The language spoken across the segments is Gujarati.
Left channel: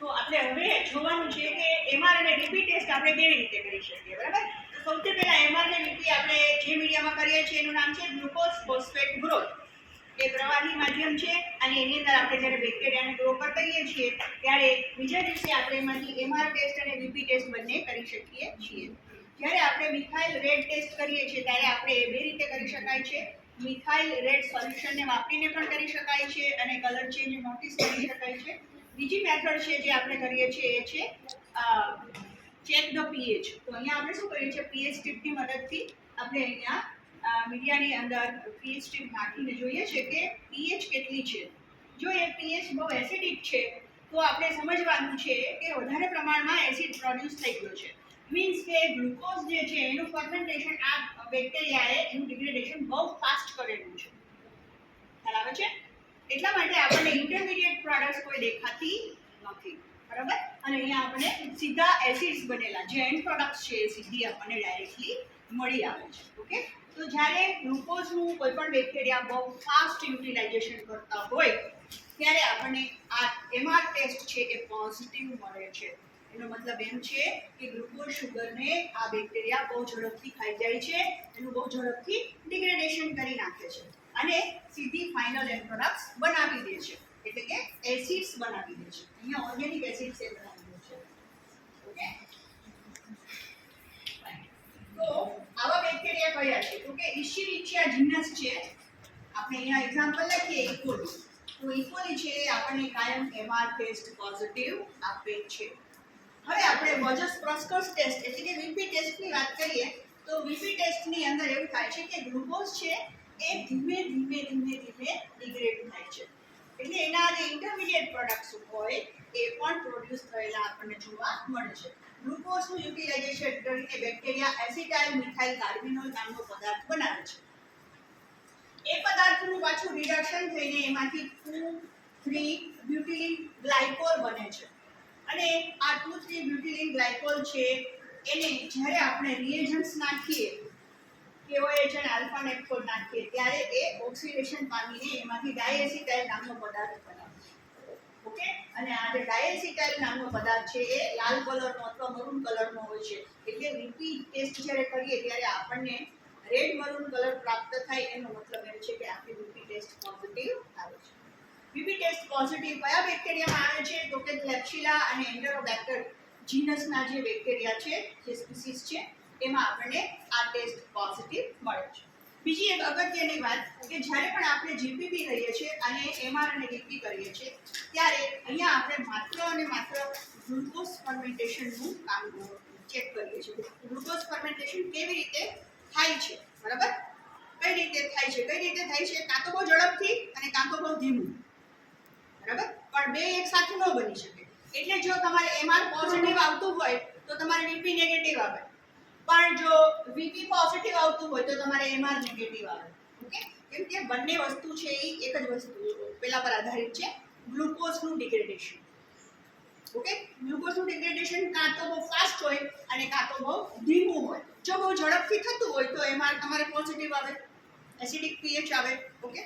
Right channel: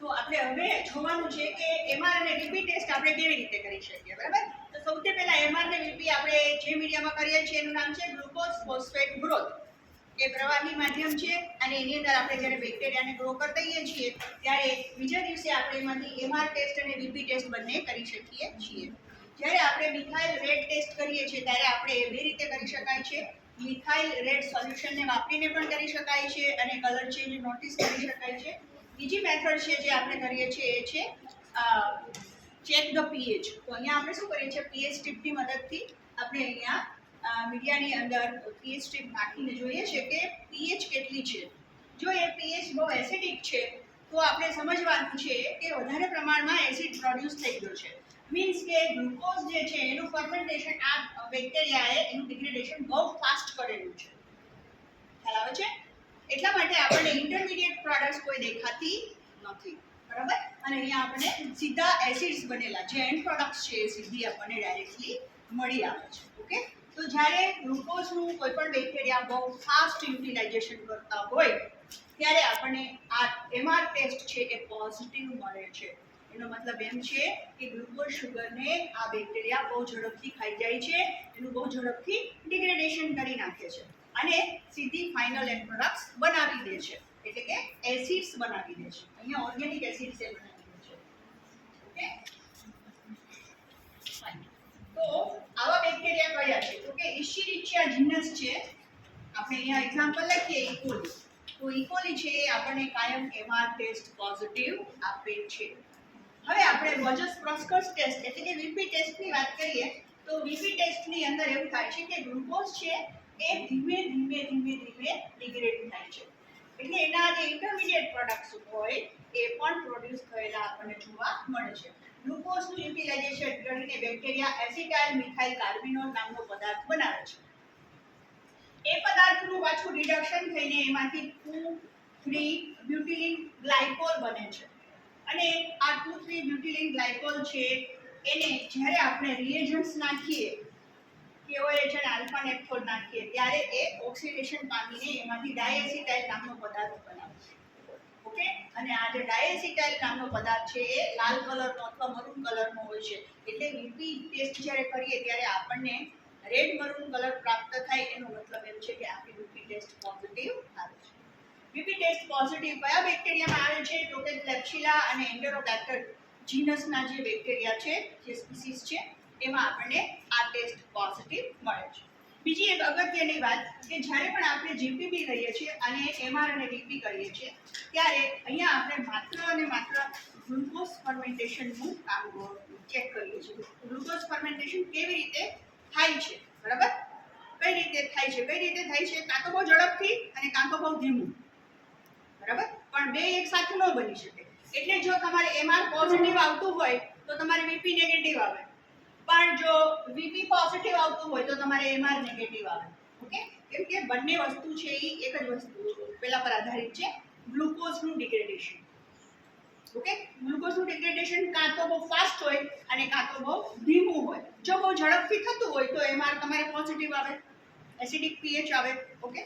તો આપણે હવે જોવાનું છે કે એમઆર અને વીપી ટેસ્ટ આપણે કેવી રીતે કરી શકીએ, બરાબર? તો સૌથી પહેલા એમઆર અને વીપી આપણે જે મીડિયામાં કરીએ છીએ એનું નામ છે ગ્લુકોઝ ફોસ્ફેટ ગ્રોથ. એ પ્રવાહી માધ્યમ છે અને એની અંદર આપણે જ્યારે બેક્ટેરિયાને ગ્રો કરી દઈએ છીએ ત્યારે બીજા દિવસે આપણે એમાંથી એમઆર ટેસ્ટ અને વીપી ટેસ્ટ બંને કરી શકીએ છીએ. જ્યારે આપણે મિથાઇલ રેડ ટેસ્ટ કરીએ છીએ ત્યારે આપણે એ બે રીતે કરી શકાય છે. મિથાઇલ રેડ સોલ્યુશનને વાપરીને પણ કરી શકાય છે અને કલર ચેન્જ નોટિસ કરી શકાય છે. બીજી મેથડ છે જે આપણે કરીએ છીએ એ છે ચેક ધ પીએચ. તો અહીંયા આપણે શું કરીએ છીએ, પીએચ સ્ટ્રીપની મદદથી આપણે અહીંયા મીડિયાની અંદર પીએચ સ્ટ્રીપ નાખીને જોઈએ છે કે પીએચ કેટલી છે. જો એ પીએચ બહુ એસિડિક છે તો આપણે સમજવાનું છે કે વધારે પ્રમાણમાં એસિડ પ્રોડ્યુસ થઈ ગયો છે. મીન્સ કે ગ્લુકોઝ જે છે એનું ફર્મેન્ટેશન આ બેક્ટેરિયાએ એનું ડિગ્રેડેશન બહુ ફાસ્ટ કરેલું છે. ખ્યાલ આવે છે? એટલા માટે આપણને ઇન્ટરમીડિયેટ પ્રોડક્ટ્સ કોઈ દેખાતી નથી, બરાબર? અને અહીંયા આપણને સીધા એસિડ્સ બનેલા જે એન્ડ પ્રોડક્ટ્સ છે એ સીધી આપણને ડાયરેક્ટલી મળી આવે છે. ઓકે, તો જ્યારે ગ્લુકોઝનું કોઈ પણ બેક્ટેરિયા બહુ ફાસ્ટ યુટિલાઇઝેશન કરતા હોય ત્યારે આપણને આ એમઆર ટેસ્ટ છે એ પોઝિટિવ મળે છે. એનો મતલબ એમ છે કે ગ્લુકોઝ શુગરને આ બેક્ટેરિયા બહુ ઝડપથી ખાઈ જાય છે, એનું બહુ ઝડપથી ડિગ્રેડેશન કરી નાખે છે અને સીધી ફાઇનલ એન્ડ પ્રોડક્ટ્સ બનાવી દે છે, એટલે કે એસિડ્સ બનાવી દે છે. અહીંયા ઓર્ગેનિક એસિડ્સ એ બનાવી દે છે. ઓકે, તો આવા બેક્ટેરિયા કયા છે? તો કે ઇશ્ચેરિચિયા જીનસ છે. આપણે અહીંયા એક્ઝામ્પલ લખીએ ઇકોલી. તો ઇકોલી છે એ આપણને કાયમ એમઆર ટેસ્ટ પોઝિટિવ આપે છે. હવે આપણે વોજસ પ્રોસ્કર્સ ટેસ્ટ એટલે કે વીપી ટેસ્ટની વાત કરીએ તો વીપી ટેસ્ટની અંદર એવું થાય છે કે ગ્લુકોઝ છે એ ધીમે ડિગ્રેડ થાય છે. એટલે એના જે ઇન્ટરમીડિયેટ પ્રોડક્ટ્સ હોય એ પણ પ્રોડ્યુસ થયેલા આપણને જોવા મળે છે. ગ્લુકોઝનું યુટિલાઇઝેશન કરીને બેક્ટેરિયા એસિટાઇલ મિથાઇલ કાર્બિનોલ નામનો પદાર્થ બનાવે છે. એ પદાર્થનું પાછું રિડક્શન થઈને એમાંથી 2,3 બ્યુટિલિન ગ્લાયકોલ બને છે અને આ 2,3 બ્યુટિલિન ગ્લાયકોલ છે એને જ્યારે આપણે રિએજન્ટ્સ નાખીએ KOH અને આલ્ફા નેપ્થોલ નાખીએ ત્યારે એ ઓક્સિડેશન પામીને એમાંથી ડાયએસિટાઇલ નામનો પદાર્થ બનાવે છે. ઓકે, અને આ જે ડાયએસિટાઇલ નામનો પદાર્થ છે એ લાલ કલરનો અથવા મરૂન કલરનો હોય છે. એટલે વીપી ટેસ્ટ જ્યારે કરીએ ત્યારે આપણને રેડ મરૂન કલર પ્રાપ્ત થાય એનો મતલબ એમ છે કે આપણી વીપી ટેસ્ટ પોઝિટિવ આવે છે. વીપી ટેસ્ટ પોઝિટિવ કયા બેક્ટેરિયામાં આવે છે? તો કે ક્લેપ્સિલા અને એન્ટેરોબેક્ટર જીનસના જે બેક્ટેરિયા છે, જે સ્પીસીસ છે એમાં આપણને આ ટેસ્ટ પોઝિટિવ મળે છે. બીજી એક અગત્યની વાત કે જ્યારે પણ આપણે જીપીપી કરીએ છીએ અને એમઆર અને વીપી કરીએ છીએ ત્યારે અહીંયા આપણે માત્ર અને માત્ર ગ્લુકોઝ ફર્મેન્ટેશનનું કામ ચેક કરીએ છીએ. ગ્લુકોઝ ફર્મેન્ટેશન કેવી રીતે થાય છે, બરાબર? કઈ રીતે થાય છે? કઈ રીતે થાય છે? કાં તો બહુ ઝડપથી અને કાં તો બહુ ધીમું, બરાબર? પણ બે એક સાથે ન બની શકે. એટલે જો તમારે એમઆર પોઝિટિવ આવતું હોય તો તમારે વીપી નેગેટિવ આવે, પણ જો વીપી પોઝિટિવ આવતું હોય તો તમારે એમઆર નેગેટિવ આવે. ઓકે, કેમ કે બંને વસ્તુ છે એ એક જ વસ્તુ પેલા પર આધારિત છે, ગ્લુકોઝનું ડિગ્રેડેશન. ઓકે, ગ્લુકોઝનું ડિગ્રેડેશન કાં તો બહુ ફાસ્ટ હોય અને કાં તો બહુ ધીમું હોય. જો બહુ ઝડપથી થતું હોય તો એમઆર તમારે પોઝિટિવ આવે, એસિડિક પીએચ આવે. ઓકે,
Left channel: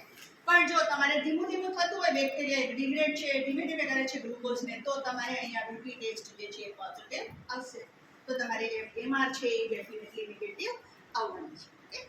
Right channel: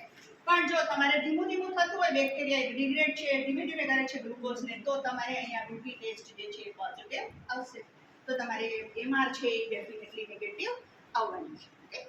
પણ જો તમારે ધીમું થતું હોય, બેક્ટેરિયા ડિગ્રેડ છે ધીમે કરે છે ગ્લુકોઝને, તો તમારે અહીંયા વીપી ટેસ્ટ જે છે એ પોઝિટિવ આવશે. તો તમારે એમઆર છે એ ડેફિનેટલી નેગેટિવ આવવાની છે. ઓકે,